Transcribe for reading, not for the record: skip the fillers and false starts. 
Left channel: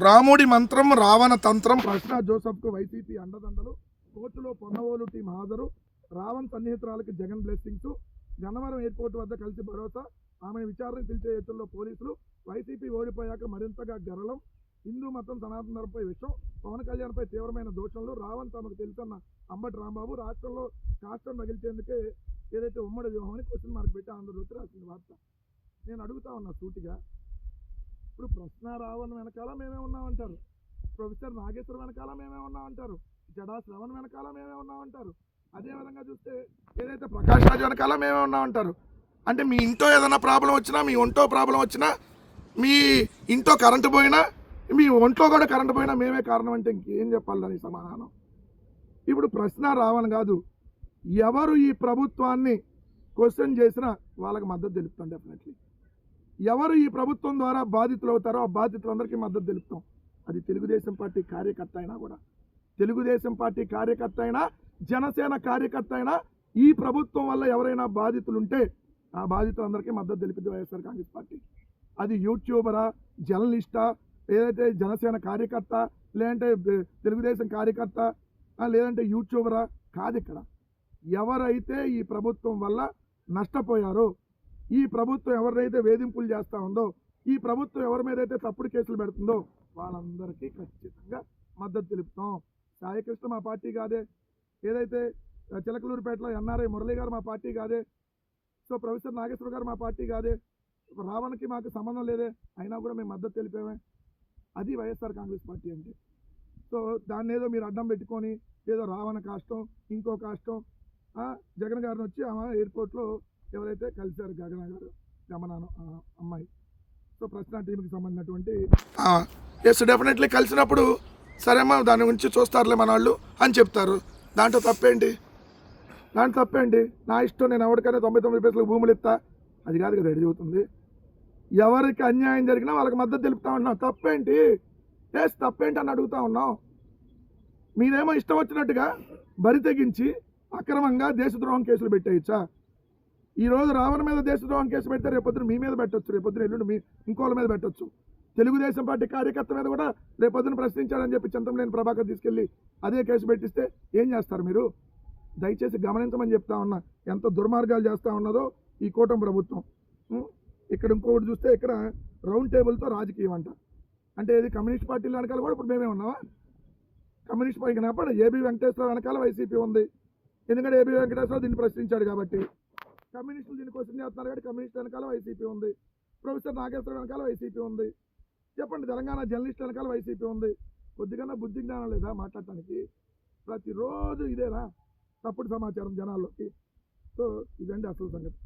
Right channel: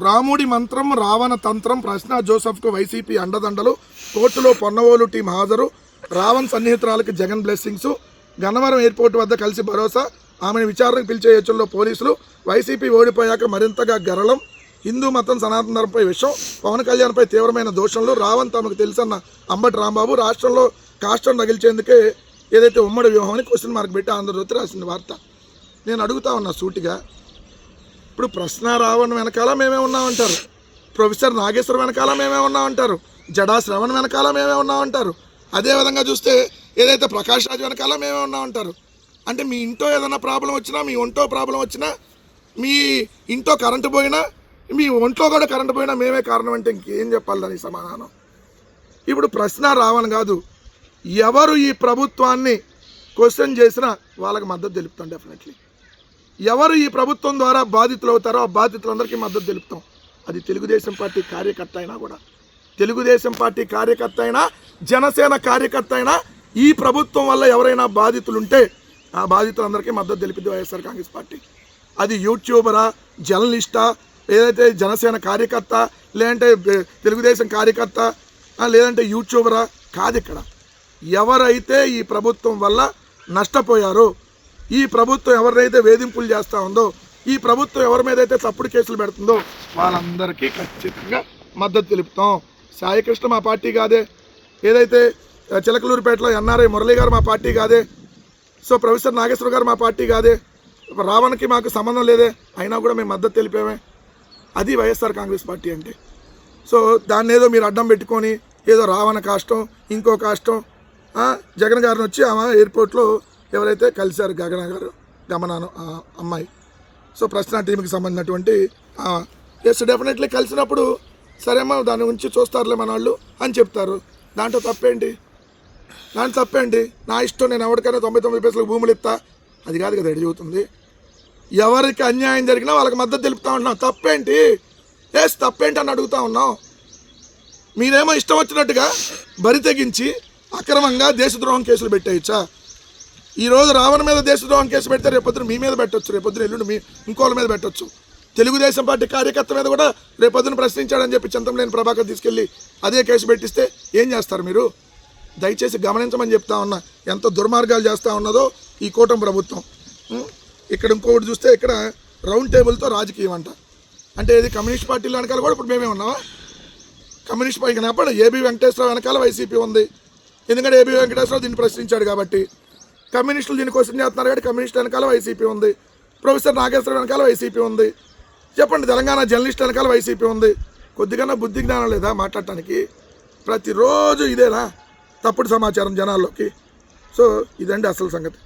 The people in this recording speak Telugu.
రాముడి మంత్రం రావణ తంత్రం ప్రశ్న జోసెఫ్కు వైసీపీ అండదండలు కోర్టులో పొన్నవోలు టీం హాజరు రావణ్ సన్నిహితురాలకి జగన్ బ్లెస్సింగ్స్ గన్నవరం ఎయిర్పోర్ట్ వద్ద కలిసి భరోసా ఆమెను విచారణకు పిలిచే యోచనలో పోలీసులు వైసీపీ ఓడిపోయాక మరింతగా గరళం హిందూ మతం సనాతన ధర్మంపై విషయం పవన్ కళ్యాణ్పై తీవ్రమైన దోషంలో రావణ్ తమకు తెలుసన్న అంబటి రాంబాబు రాష్ట్రంలో కాష్టం రగిల్చేందుకే ఏదైతే ఉమ్మడి వ్యూహం అని క్వశ్చన్ మార్క్ పెట్టి ఆంధ్రజ్యోతి రాసింది వార్త. నేను అడుగుతా ఉన్నా సూటిగా, ఇప్పుడు ప్రశ్న రావణ్ వెనకాల మేమే ఉన్నామంటారు, ప్రొఫెసర్ నాగేశ్వర వెనకాల మేమే ఉన్నామంటారు, జడా శ్రవణ్ వెనకాల మేమే ఉన్నామంటారు, అదేవిధంగా చూస్తే ఏదైతే ప్రకాష్ రాజ్ వెనకాల మేమే ఉన్నామంటారు. అంటే మీ ఇంట్లో ఏదైనా ప్రాబ్లం వచ్చినా, మీ ఒంట్లో ప్రాబ్లం వచ్చినా, మీ ఇంట్లో కరెంటు పోయినా, మీ ఒంట్లో కూడా కరెంటు పోయినా మేమే కారణం అంటే ఇంకేం చెప్పాలి దానికి సమాధానం? ఇప్పుడు ప్రశ్న రావణ్ కాదు, ఎవరు ఈ ప్రభుత్వాన్ని క్వశ్చన్ చేసినా వాళ్ళకి మద్దతు తెలుపుతాం. డెఫినెట్లీ ఎవరు ఈ ప్రభుత్వం ద్వారా బాధితులు అవుతారో ఆ బాధితులందరికీ మద్దతు తెలుపుతాం. అది తెలుగుదేశం పార్టీ కార్యకర్త అయినా కూడా, తెలుగుదేశం పార్టీ కార్యకర్త అయినా, జనసేన కార్యకర్త అయినా, ఈ ప్రభుత్వం వల్ల ఎవరైనా బాధితులుంటే ఆ బాధితులందరికీ మద్దతు తెలిపింది వైఎస్ఆర్ కాంగ్రెస్ పార్టీ. అది యూట్యూబరా, జర్నలిస్టా, ఏదైతే జనసేన కార్యకర్త, లేదంటే తెలుగుదేశం కార్యకర్త, లేదంటే యూట్యూబరా కాదు. ఇక్కడ ఎవరైతే ఈ ప్రభుత్వం వల్ల నష్టపోయారో, ఈ ప్రభుత్వం ఎవరినైతే వేధింపులు చేస్తూ ఉందో, ఈ ప్రభుత్వం ఎవరి మీద అయితే తప్పుడు కేసులు పెడుతుందో వాళ్ళందరికీ ఖచ్చితంగా మద్దతు తెలుపుతాం. సాయికృష్ణ మా పార్టీ కాదే, ఏదైతే చిలకలూరుపేటలో ఎన్ఆర్ఐ మురళి గారు మా పార్టీ కాదే, సో ప్రొఫెసర్ నాగేశ్వర గారు మా పార్టీ కాదే, రావణ్కి మాకు సంబంధం లేదే, అయినా కూడా మేము మద్దతు తెలిపామే. అది వైఎస్ఆర్ కాంగ్రెస్ పార్టీ అంటే. సో దాన్ని ఏదో మీరు అడ్డం పెట్టుకొని ఏదో రావణ కాష్టం, ఇంకో కాష్టం, జగన్ గారిని వచ్చి ఆమె ఎయిర్పోర్ట్లో ఎవరైతే కలిశారు గమనాను అమ్మాయి, సో ప్రశ్న టీంకి సంబంధించినటువంటి ఎస్ డెఫినెట్లీ కలిసినప్పుడు సరేమ్మా దాని గురించి చూస్తారులే మన వాళ్ళు అని చెప్తారు. దాంట్లో తప్పేంటి? నా ఇష్టం, నేను ఎవరికైనా 99 పైసలకు భూములు ఇస్తా, అది కాదు కదా ఎడు చెబుతుంది. ఎవరికి అన్యాయం జరిగినా వాళ్ళకి మద్దతు తెలుపుతా ఉన్నాం. తప్పేంటి? ఎస్ తప్పేంటి అని అడుగుతా ఉన్నాం. మీరేమో ఇష్టం వచ్చినట్టుగా బరి తెగించి అక్రమంగా దేశద్రోహం కేసులు పెట్టేయచ్చా? ఈరోజు రావణ్ మీద దేశద్రోహం కేసు పెడితే రేపొద్దున మీ మీద పెట్టవచ్చు, రేపొద్దున ఎల్లుండి మీ ఇంకోళ్ళ మీద పెట్టవచ్చు. తెలుగుదేశం పార్టీ కార్యకర్త మీద కూడా రేపొద్దున ప్రశ్నించాడని చెప్పి చింతమనేని ప్రభాకర్ తీసుకెళ్ళి అదే కేసు పెట్టిస్తే ఏం చేస్తారు మీరు? దయచేసి గమనించమని చెప్తా ఉన్నా, ఎంత దుర్మార్గాలు చేస్తూ ఉన్నదో ఈ కూటమి ప్రభుత్వం. ఇక్కడ ఇంకొకటి చూస్తే ఇక్కడ రౌండ్ టేబుల్తో రాజకీయం అంట. అంటే ఇది కమ్యూనిస్ట్ పార్టీల వెనకాల కూడా ఇప్పుడు మేమే ఉన్నావా? కమ్యూనిస్ట్ పార్టీ కనపడ ఏబీ వెంకటేశ్వరరావు వెనకాల వైసీపీ ఉంది. ఎందుకంటే ఏబీ వెంకటేశ్వరరావు దీన్ని ప్రశ్నించాడు కాబట్టి. కమ్యూనిస్టులు దీన్ని క్వశ్చన్ చేస్తున్నారు కాబట్టి కమ్యూనిస్ట్ వెనకాల వైసీపీ ఉంది. ప్రొఫెసర్ నాగేశ్వర వెనకాల వైసీపీ ఉంది. చెప్పండి, తెలంగాణ జర్నలిస్ట్ వెనకాల వైసీపీ ఉంది. కొద్దిగా బుద్ధి జ్ఞానం లేదా మాట్లాడటానికి? ప్రతిరోజు ఇదేనా తప్పుడు సమాచారం జనాల్లోకి? సో ఇదండి అసలు సంగతి.